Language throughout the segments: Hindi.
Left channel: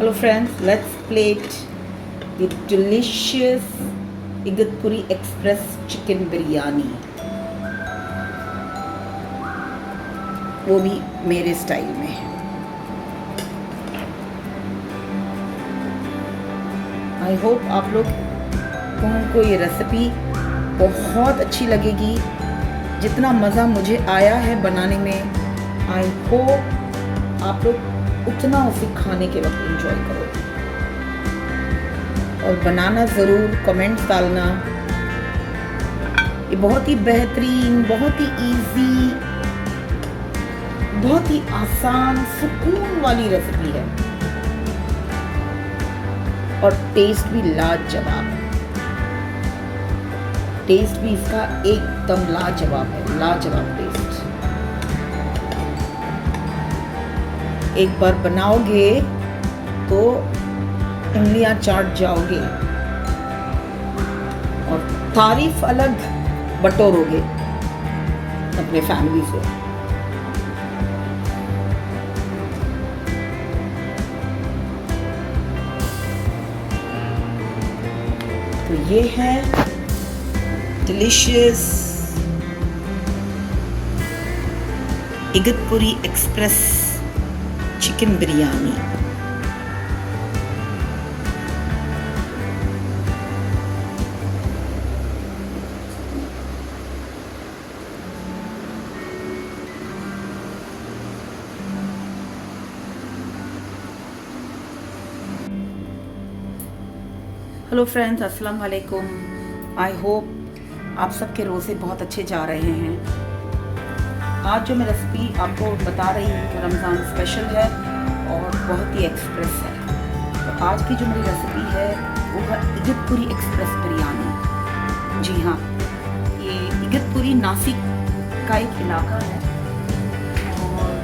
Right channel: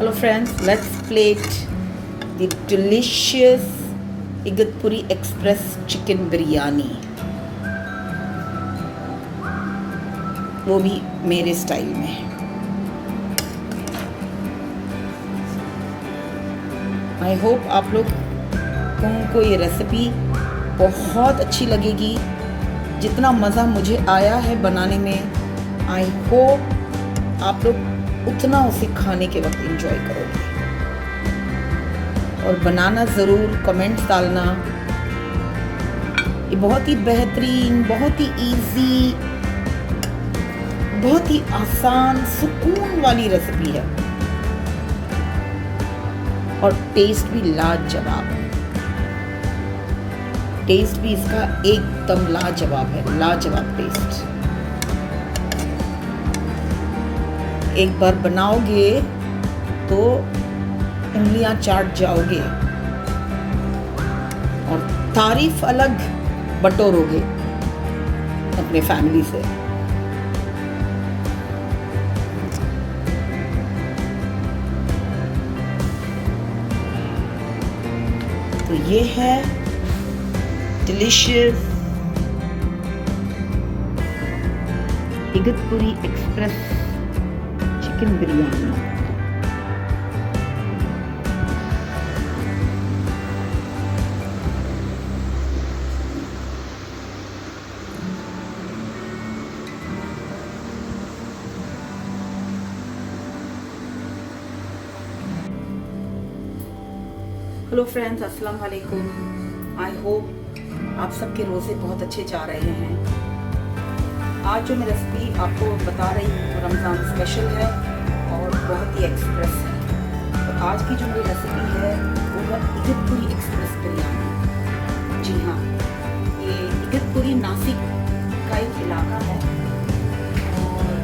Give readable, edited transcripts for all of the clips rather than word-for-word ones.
Hello friends, let's plate the delicious Igatpuri Express chicken biryani. वो भी मेरे स्टाइल में. आई होप आप लोगों को ये रेसिपी बहुत अच्छी लगेगी. जितना मज़ा मुझे आया है बनाने में, आई होप आप लोग उतना उसे खाने के वक्त एंजॉय करोगे. और बनाना ज़रूर, कमेंट्स डालना. ये बहुत ही बेहतरीन, बहुत ही इजी, बहुत ही आसान, सुकून वाली रेसिपी है और टेस्ट भी लाजवाब है. टेस्ट भी इसका एकदम लाजवाब है, लाजवाब टेस्ट. एक बार बनाओगे तो उंगलियां चाट जाओगे और तारीफ अलग बटोरोगे अपने फैमिली से. तो ये है delicious Igatpuri express chicken biryani. Hello friends, अस्सलाम वालेकुम. आई होप आप सबके रोज़े बहुत अच्छे जा रहे हैं. आज जो मैं रेसिपी आपको बता रही हूँ रमज़ान स्पेशल है और बहुत ही एक्सप्रेस है. तो आज की जो मेरी रेसिपी है वो है इगतपुरी एक्सप्रेस बिरयानी. जी हाँ, ये इगतपुरी नासिक का एक इलाका है और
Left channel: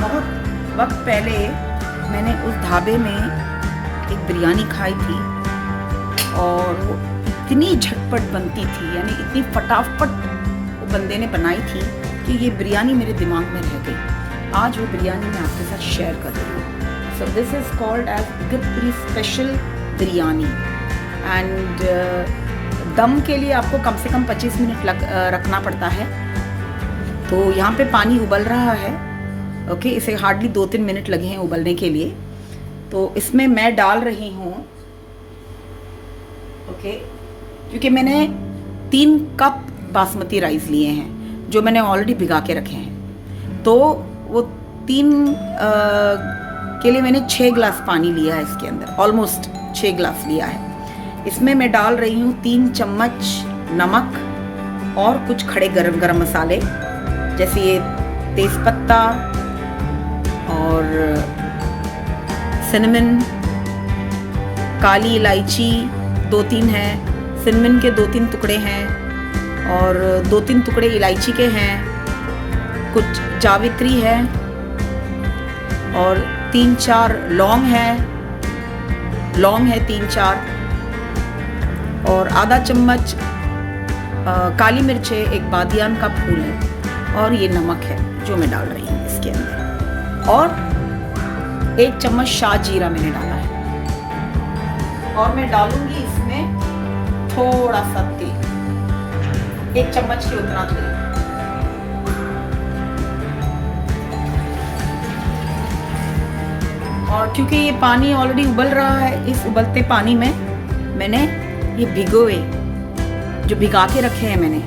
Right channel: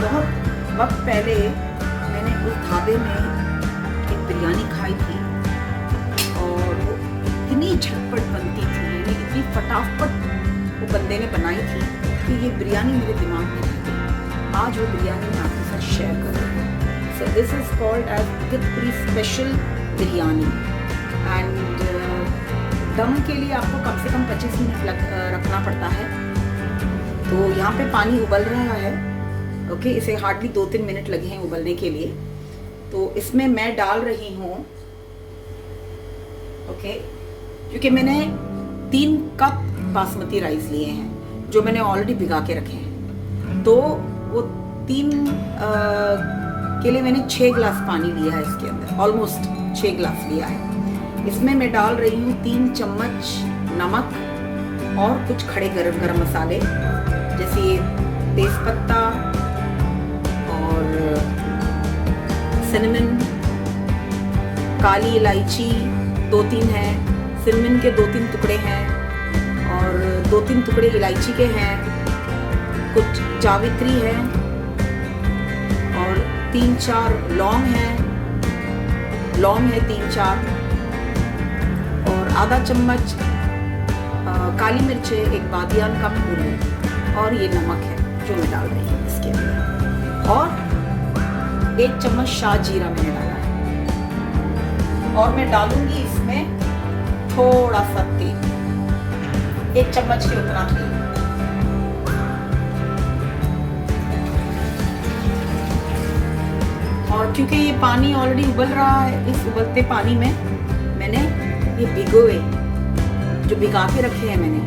बहुत वक्त पहले मैंने उस ढाबे में एक बिरयानी खाई थी और इतनी झटपट बनती थी, यानी इतनी फटाफट वो बंदे ने बनाई थी कि ये बिरयानी मेरे दिमाग में रह गई. आज वो बिरयानी मैं आपके साथ शेयर कर रही हूँ. So this is called as Igatpuri special biryani. And दम के लिए आपको कम से कम 25 मिनट रखना पड़ता है. तो यहाँ पे पानी उबल रहा है. ओके, इसे हार्डली 2-3 मिनट लगे हैं उबलने के लिए. तो इसमें मैं डाल रही हूँ, ओके, क्योंकि मैंने 3 कप बासमती राइस लिए हैं जो मैंने ऑलरेडी भिगा के रखे हैं. तो वो 3 के लिए मैंने 6 गिलास पानी लिया है. इसके अंदर ऑलमोस्ट 6 गिलास लिया है. इसमें मैं डाल रही हूँ 3 चम्मच नमक और कुछ खड़े गरम मसाले, जैसे ये तेज़पत्ता और सिनेमन, काली इलायची 2-3 हैं, सिनेमन के 2-3 टुकड़े हैं और 2-3 टुकड़े इलायची के हैं, कुछ जावित्री है और 3-4 लौंग है 3-4 और आधा चम्मच काली मिर्च है, एक बादियान का फूल है और ये नमक है जो मैं डाल रही हूँ इसके अंदर. और 1 चम्मच शाह जीरा मैंने डाला है और मैं डालूंगी इसमें थोड़ा सा तेल, 1 चम्मच के उतना तेल. और क्योंकि ये पानी ऑलरेडी उबल रहा है, इस उबलते पानी में मैंने ये जो भिगा के रखे हैं मैंने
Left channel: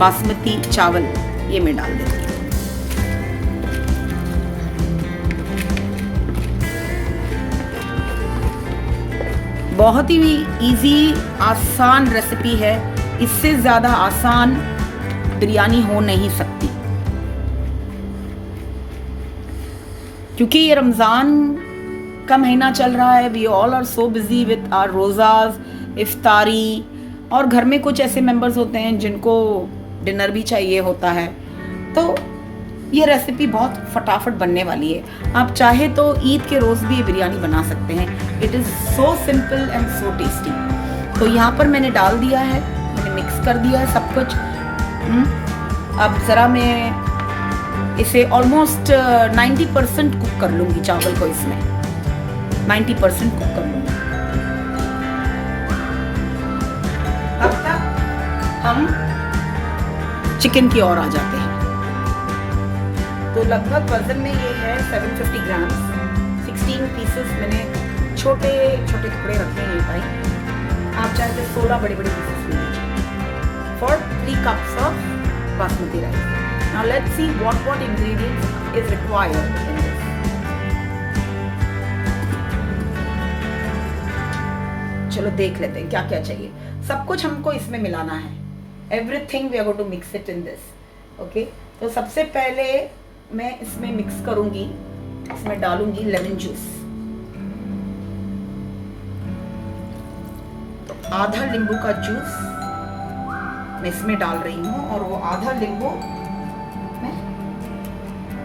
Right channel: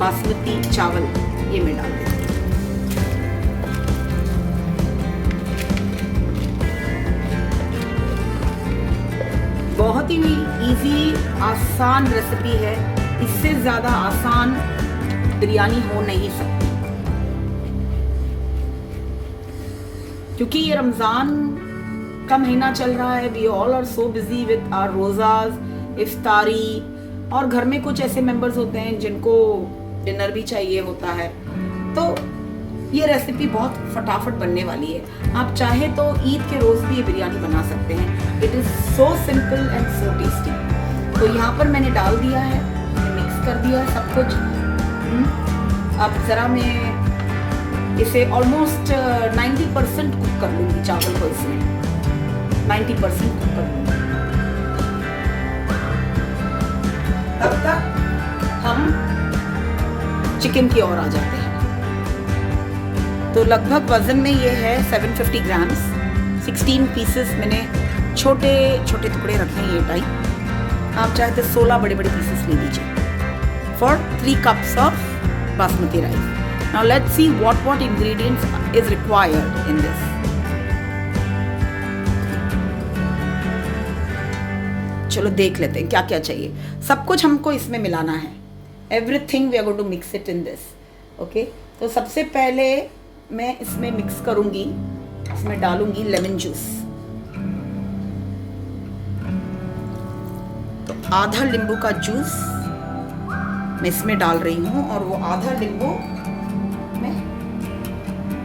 बासमती चावल, ये मैं डाल देती हूँ. बहुत ही इजी, आसान रेसिपी है. इससे ज़्यादा आसान बिरयानी हो नहीं सकती. क्योंकि ये रमज़ान का महीना चल रहा है. We all are so busy with our रोज़ास, इफ्तारी, और घर में कुछ ऐसे मेंबर्स होते हैं जिनको डिनर भी चाहिए होता है. तो ये रेसिपी बहुत फटाफट बनने वाली है. आप चाहे तो ईद के रोज़ भी ये बिरयानी बना सकते हैं. It is so simple and so tasty. तो यहाँ पर मैंने डाल दिया है, मैंने मिक्स कर दिया है सब कुछ. अब ज़रा मैं इसे ऑलमोस्ट 90% कुक कर लूंगी चावल को, इसमें 90% कुक कर लूंगी। तब तक हम चिकन की ओर आ जाते हैं। तो लगभग वजन में ये है 750 ग्राम्स। 16 पीसेस मैंने छोटे छोटे टुकड़े रखे हैं ये टाइप। आप चाहे तो 16 बड़े बड़े पीसेस ले लीजिए for 3 cups of basmati rice. Now let's see what ingredients is required in this. चलो देख लेते हैं क्या क्या चाहिए। सब कुछ हमको इसमें मिलाना है। Everything we are going to mix it in this. Okay? तो सबसे पहले मैं इसमें मिक्स करूंगी, इसमें डालूंगी लेमन जूस। तो आधा नींबू का जूस मैं इसमें डाल रही हूँ और वो आधा नींबू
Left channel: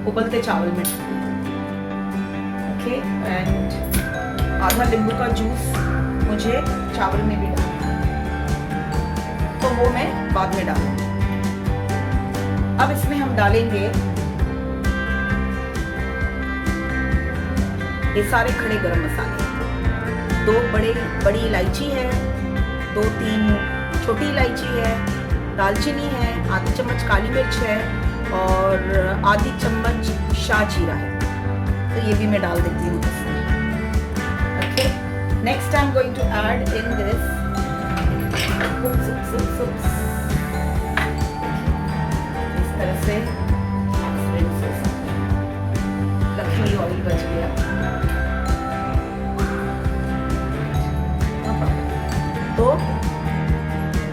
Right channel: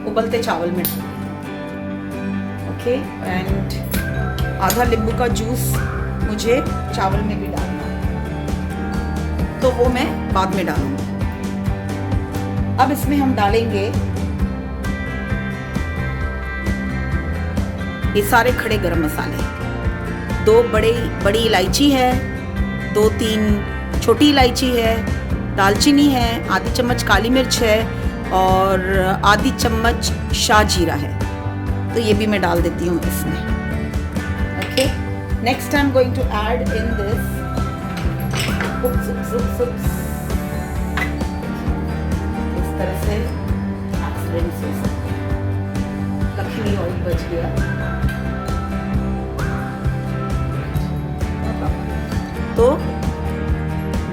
उबलते चावल में। ओके, एंड आधा नींबू का जूस मुझे चावल में भी डालना है, तो वो मैं बाद में डालूंगी। अब इसमें हम डालेंगे ये सारे खड़े गरम मसाले। 2 बड़ी इलायची है, 2-3 छोटी इलायची है, दालचीनी है, आधी चम्मच काली मिर्च है और आधी चम्मच शाह जीरा है। तो ये भी मैं डाल देती हूँ इसमें। Okay, next I am going to add in this इस तरह से लक्ष्मी ऑयल बच गया। तो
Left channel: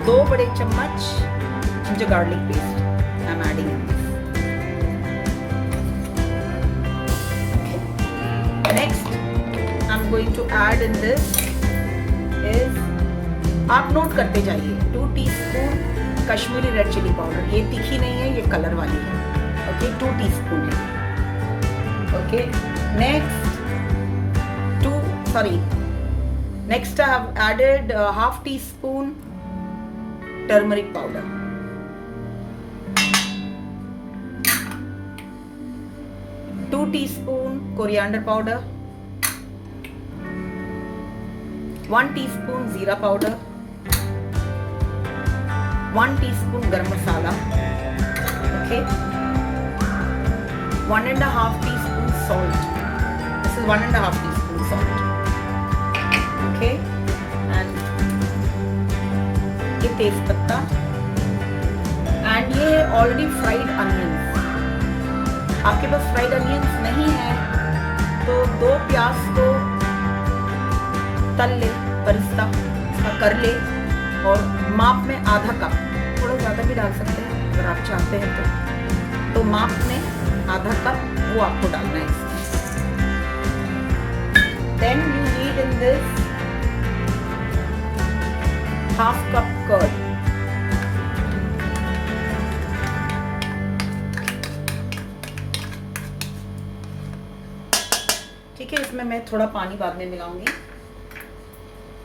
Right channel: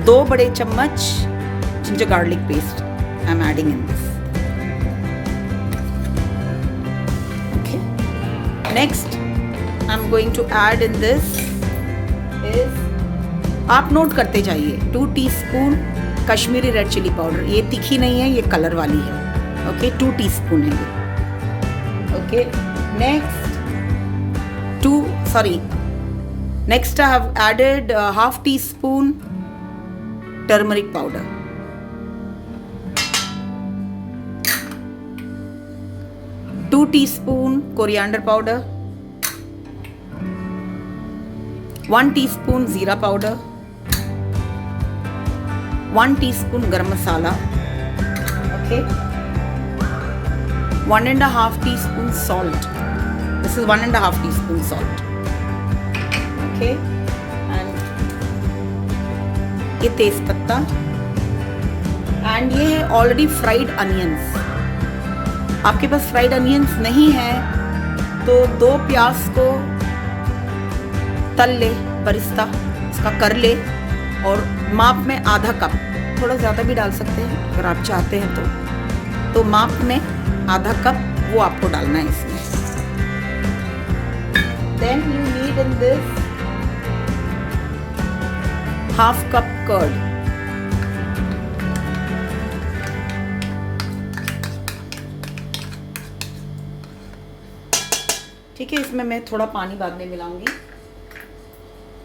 2 बड़े चम्मच ginger garlic paste I'm adding in this. Okay. Next, I'm going to add in this is, आप नोट करते जाइए, 2 teaspoon Kashmiri red chilli powder. ये तीखी नहीं है, ये कलर वाली है। ओके, 2 टीस्पून है ये। Okay, next I have added half teaspoon turmeric powder। 2 teaspoon coriander powder, 1 teaspoon जीरा powder, 1 teaspoon garam masala, okay, 1.5 teaspoon salt. This is 1.5 teaspoon salt, okay, and ये तेज पत्ता, and ये है already fried onions। आपके पास फ्राइड अनियंस नहीं है तो 2 प्याज को तल ले, बरिस्ता इसका कर ले, और माप में आधा कप, थोड़ा ज़्यादा भी डाल सकते हैं अगर आप चाहते हैं तो माप में आधा कप वो आपको डालना है इसमें। Then you need in this half cup curd. ठीक है, इसमें मैं थोड़ा पानी बाद में मिलाऊंगी।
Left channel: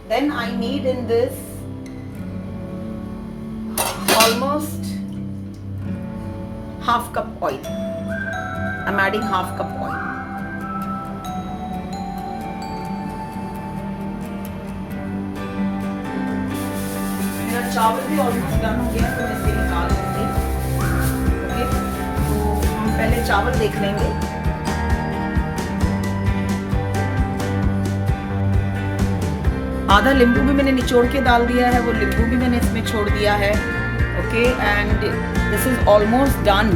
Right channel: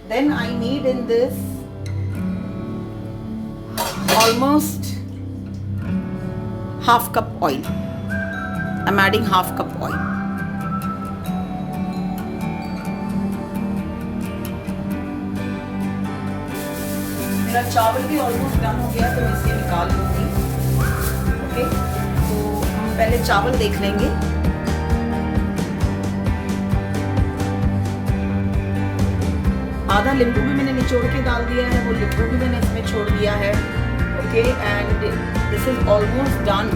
Then I need in this almost half cup oil. I am adding half cup oil. मेरा चावल भी ऑलमोस्ट डन हो गया तो इसे निकाल लूंगी। ओके, तो हम पहले चावल देख लेंगे। आधा नींबू भी मैंने निचोड़ के डाल दिया है, वो नींबू भी मैंने इसमें छोड़ दिया है। Okay, and this is almost done.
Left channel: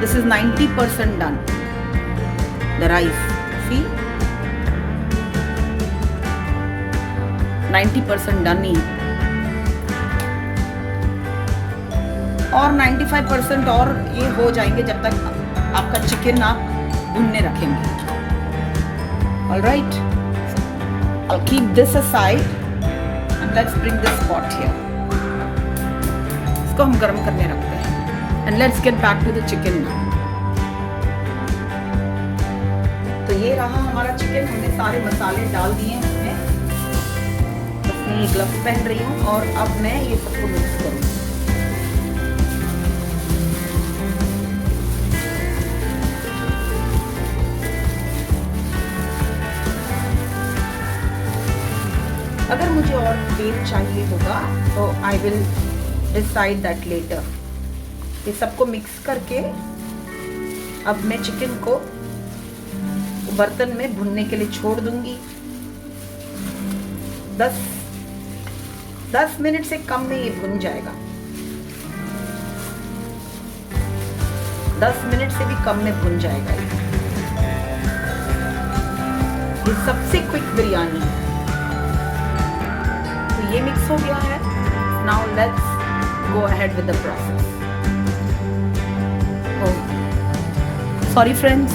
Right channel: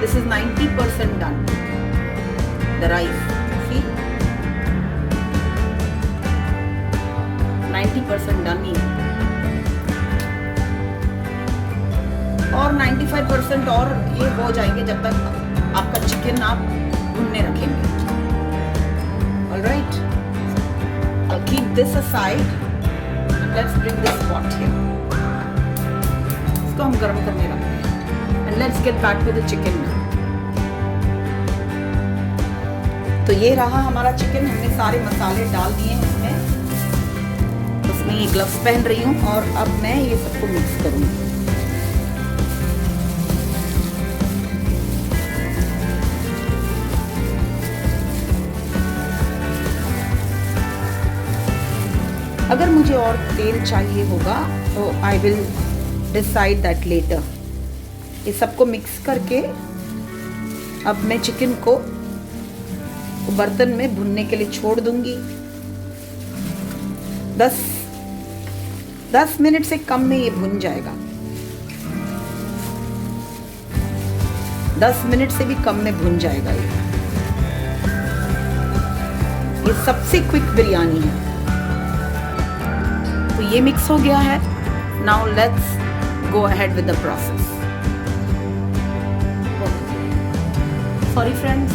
This is 90% done the rice. See, 90% done ही, और 95% और ये हो जाएंगे जब तक आपका चिकन आप भुनने रखेंगे। Alright, I'll keep this aside and let's bring this pot here. इसको हम गर्म करने रखते हैं and let's get back to the chicken now. तो ये रहा हमारा चिकन। हमने सारे मसाले डाल दिए हैं इसमें। उसमें ये ग्लव्स पहन रही हूँ और अब मैं ये सबको मिक्स करूँगी। अगर मुझे और तेल चाहिए होगा तो I will decide that later. ये सबको मिक्स करके अब मैं चिकन को बर्तन में भुनने के लिए छोड़ दूंगी। 10 मिनट से कम में ये भुन जाएगा। 10 मिनट से भी कम में भुन जाएगा ये सबसे क्विक बिरयानी है। तो ये मिक्स हो गया है। Now let's go ahead with the process. Sorry friends,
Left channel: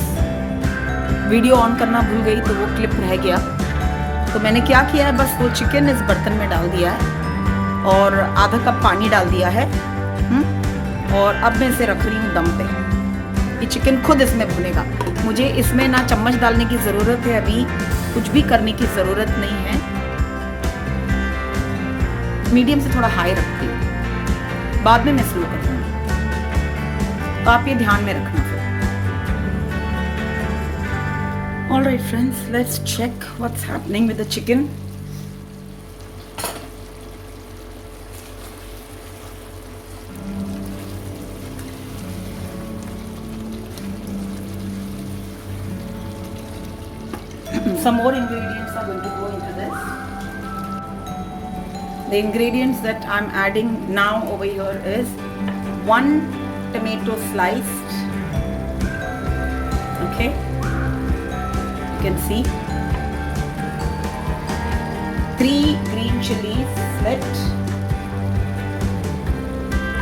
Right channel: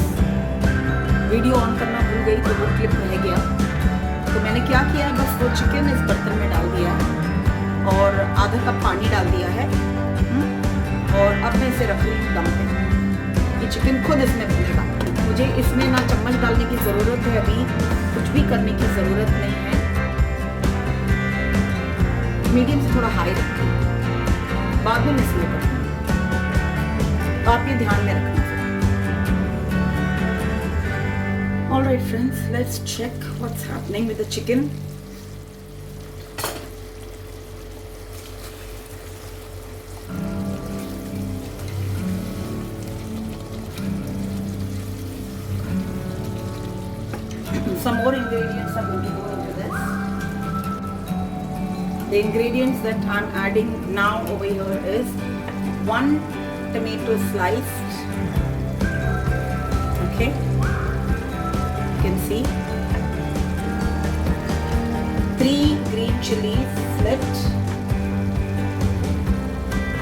video on करना भूल गई तो वो क्लिप रह गया। तो मैंने क्या किया है, बस वो चिकन इस बर्तन में डाल दिया है और आधा कप पानी डाल दिया है। और अब मैं इसे रख रही हूँ दम पे। ये चिकन खुद इसमें भुनेगा। मुझे इसमें ना चम्मच डालने की ज़रूरत है, अभी कुछ भी करने की ज़रूरत नहीं है। मीडियम से थोड़ा हाई रखिए, बाद में मैं स्लो करूँगी, तो आप ये ध्यान में रखना। All right friends, let's check what's happening with the chicken. Some more ingredients are going to go into this. The ingredients that I'm adding now over here is 1 tomato sliced. Okay. You can see 3 green chilies split,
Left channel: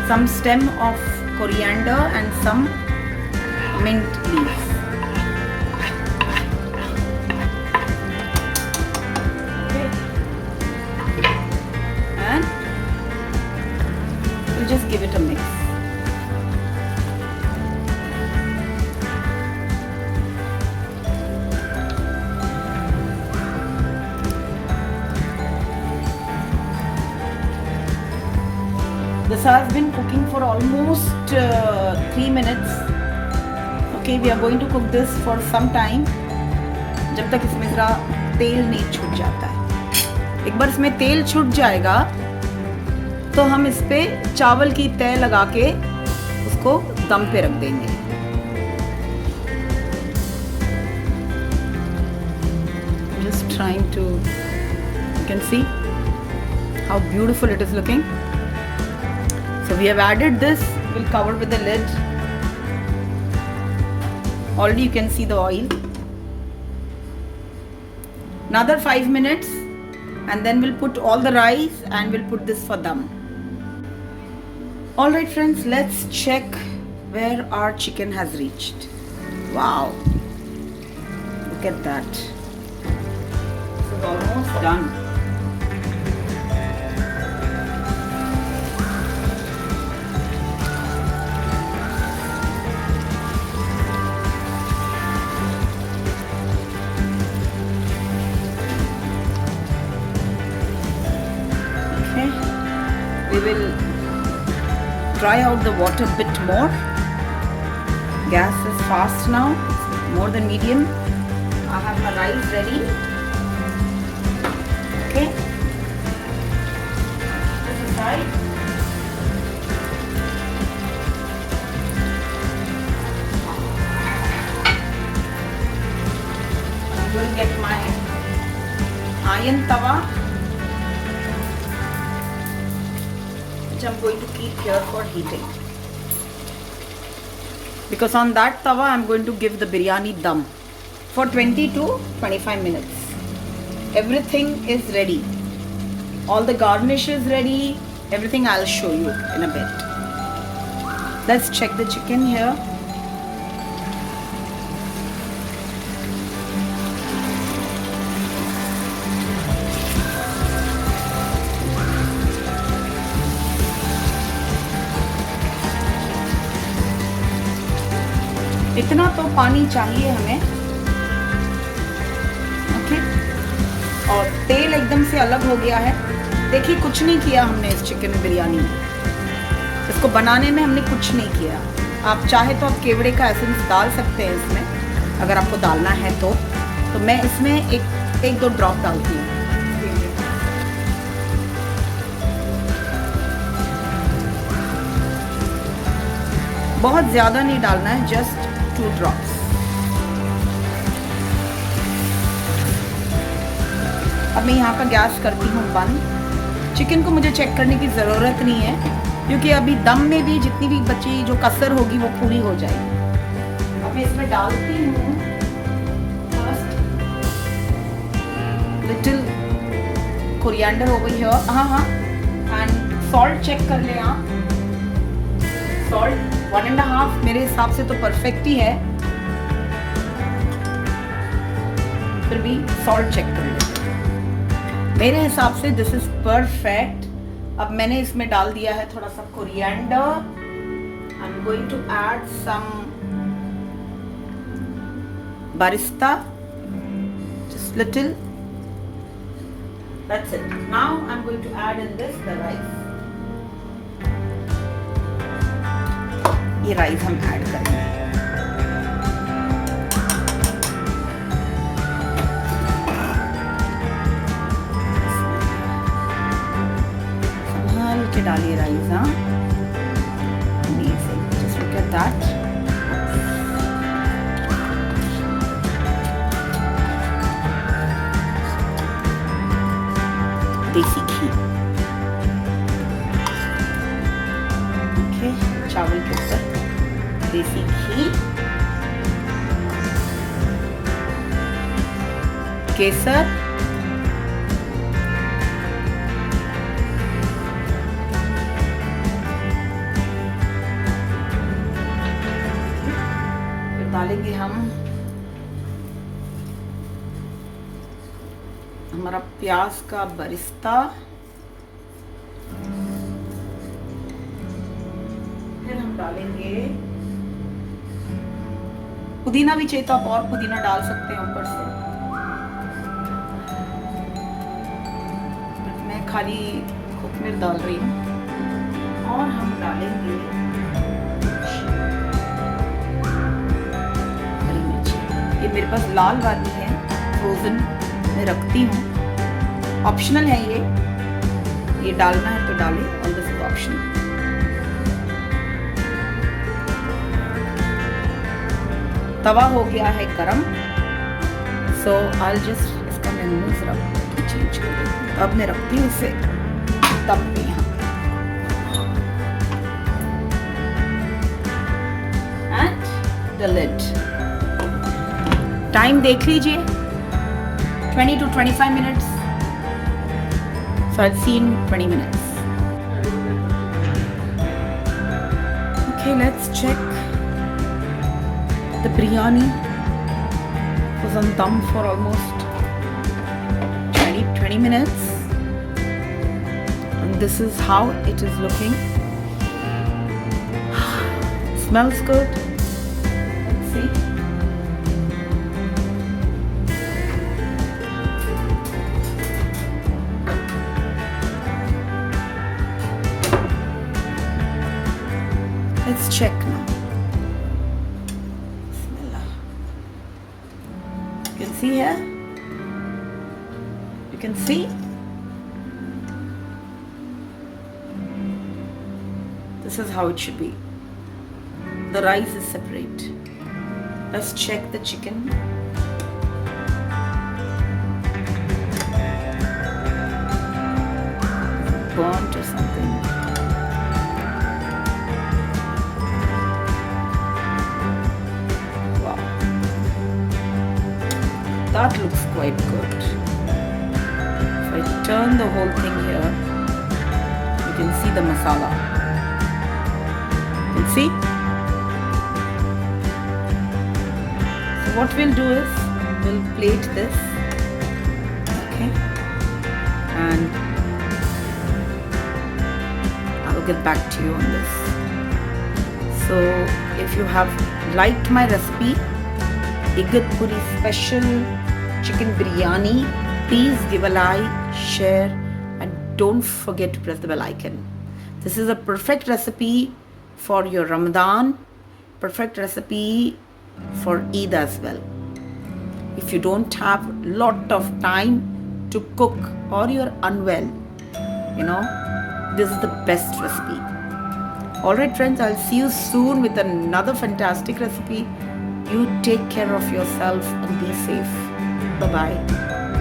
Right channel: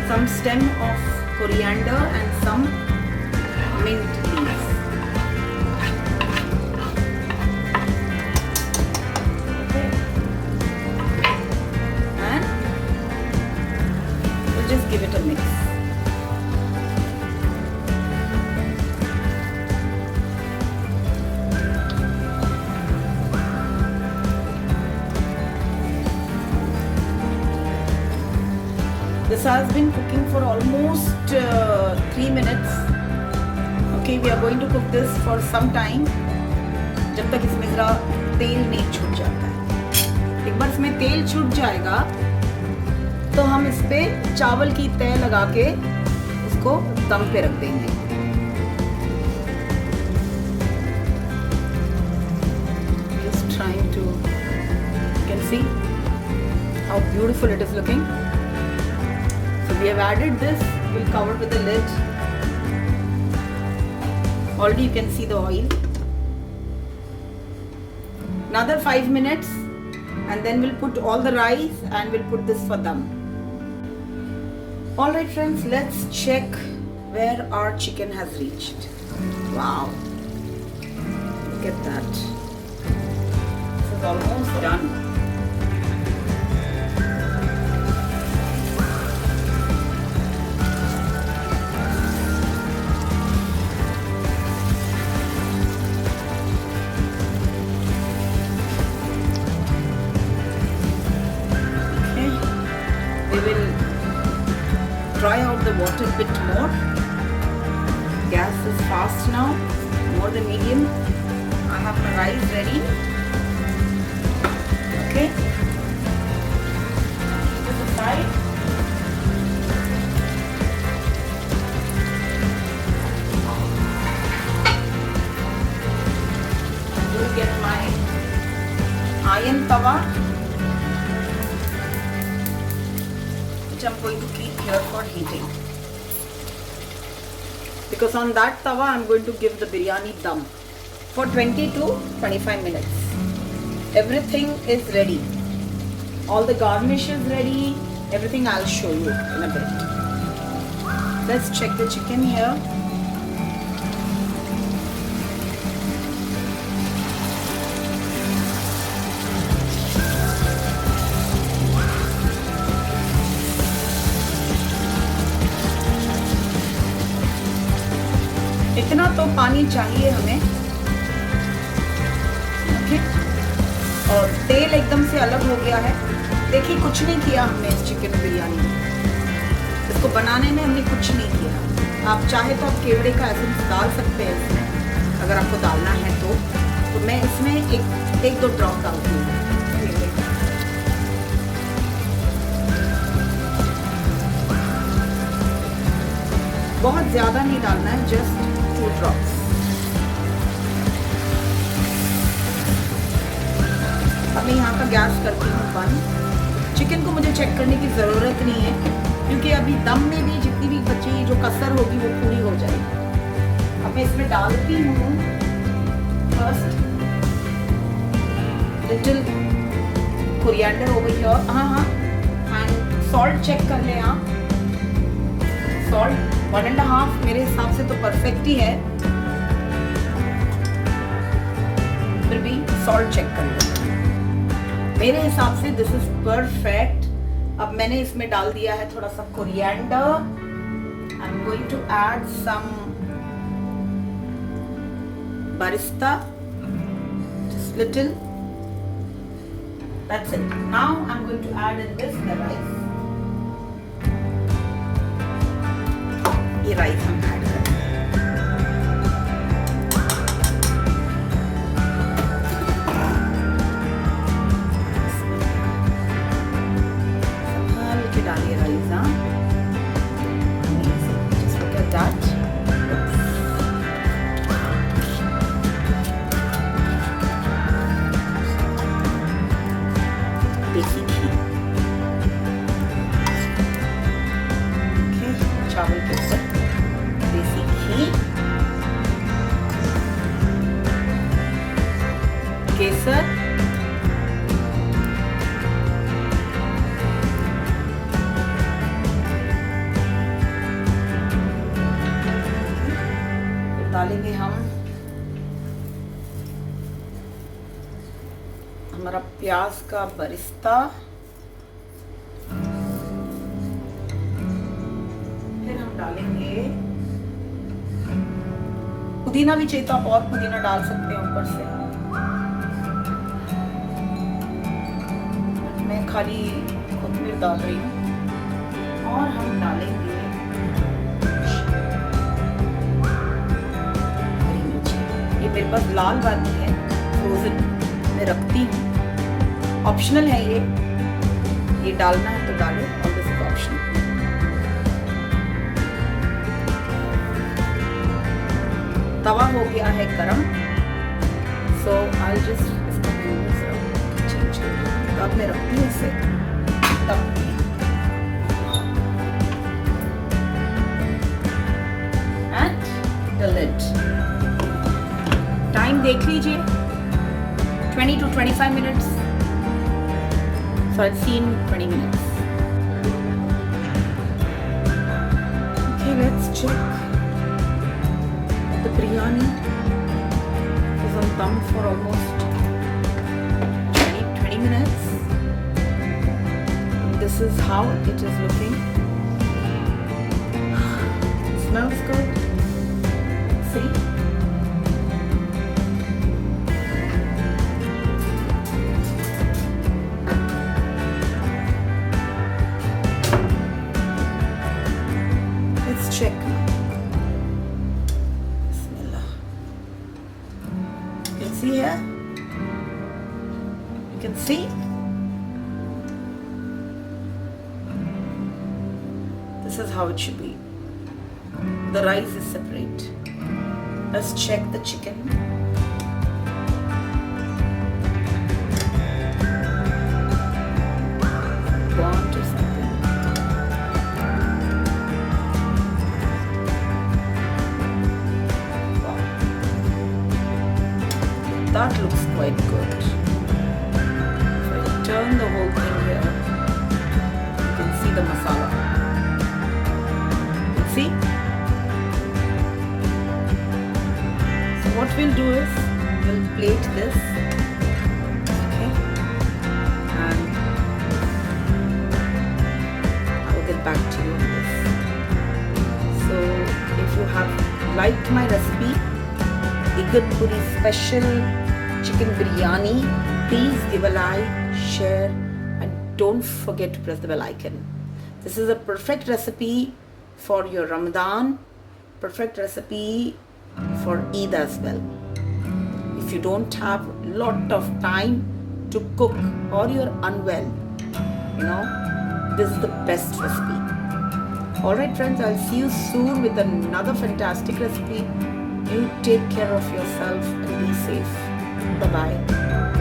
some stem of coriander and some mint leaves. Okay. And we'll just give it a mix. This has been cooking for almost 3 minutes. Okay, we are going to cook this for some time, जब तक इसमें ज़रा तेल नहीं छूट जाता है। एक बार इसमें तेल छूट जाएगा तो हम इस पे चावल की तह लगा के उसको दम पे रख देंगे। Just trying to, you can see how beautiful it is looking. So we have added this, we'll cover with a lid. Already you can see the oil. Another 5 minutes and then we'll put all the rice and we'll put this for dum. Alright friends, let's check where our chicken has reached. Wow, look at that. This is almost done. We will dry out the water a bit more. Gas is fast now, more than medium. I have my rice ready. Okay. This is right. I'm going to get my iron tawa, I'm going to keep here for heating, because on that tawa I'm going to give the biryani dum for 20 to 25 minutes. Everything is ready, all the garnish is ready, everything I'll show you in a bit. Let's check the chicken here. इतना तो पानी चाहिए हमें। ओके, और तेल एकदम से अलग हो गया है। देखिए, कुछ नहीं किया हमने इस चिकन बिरयानी में, इसको बनाने में हमने कुछ नहीं किया। आप चाहे तो आप केवड़े का एसेंस डाल सकते हैं इसमें, अगर आपको डालना है तो मैं इसमें एक 2 ड्रॉप डालती हूँ। बहुत ज़्यादा नहीं डालना है, जस्ट 2 ड्रॉप्स। अब मैं यहाँ का गैस करती हूँ बंद। चिकन को मुझे चेक करने की ज़रूरत नहीं है, क्योंकि अभी दम में भी जितनी भी बची जो कसर होगी वो पूरी हो जाएगी। अब इसमें डालती हूँ फर्स्ट लिटिल कोरिएंडर हो गई है, हाँ, एंड सॉल्ट चेक कर लें आप। सॉल्ट 1.5 मेरे हिसाब से तो परफेक्ट ही है, फिर भी सॉल्ट चेक कर लें। मेरे हिसाब से दिस इज परफेक्ट। अब मैंने इसमें डाल दिया है थोड़ा सा coriander. I am going to add some birista, just little, that's it. Now I'm going to add in this the rice. ये राइस हम ऐड करेंगे। संभाल के डालिए राइस, हाँ। Amazing. Just look at that. देसी घी, ओके, चावल के ऊपर देसी घी, केसर, फिर डालेंगे हम हमारा प्याज का बरिस्ता, फिर हम डालेंगे पुदीना भी चाहिए तो आप और पुदीना डाल सकते हैं ऊपर से, मैं खाली कोथिमीर डाल रही हूँ। और हम डालेंगे हरी मिर्च, ये मेरे पास लाल वाली है, फ्रोजन मैं रखती हूँ, ऑप्शनल है ये डालना है तो डालें, और दिस इज ऑप्शनल। तवा हो गया है गरम, सो आई जस्ट इसका मैं चेंज कर दूँ। अब मैं रखती हूँ इसे तब भी। एंड द लिड, टाइम देख लीजिए, 20 to 25 minutes. So I've seen 20 minutes. Okay, let's check. The biryani is on dum for almost 20 minutes. And this is how it is looking. Smells good. Let's see. Let's check now. Bismillah. You can see here. You can see. This is how it should be. The rice is separate. Let's check the chicken. Burnt or something. That looks quite good. If I turn the whole thing here, you can see the masala. You can see? So what we'll do is, we'll plate this. Okay. And I'll get back to you on this. So if you have liked my recipe, Igatpuri special chicken biryani, please give a like, share, and don't forget to press the bell icon. This is a perfect recipe for your Ramadan, perfect recipe for Eid as well. If you don't have lot of time to cook or you're unwell, this is the best recipe. Alright friends, I'll see you soon with another fantastic recipe. You take care of yourself and be safe. Bye bye.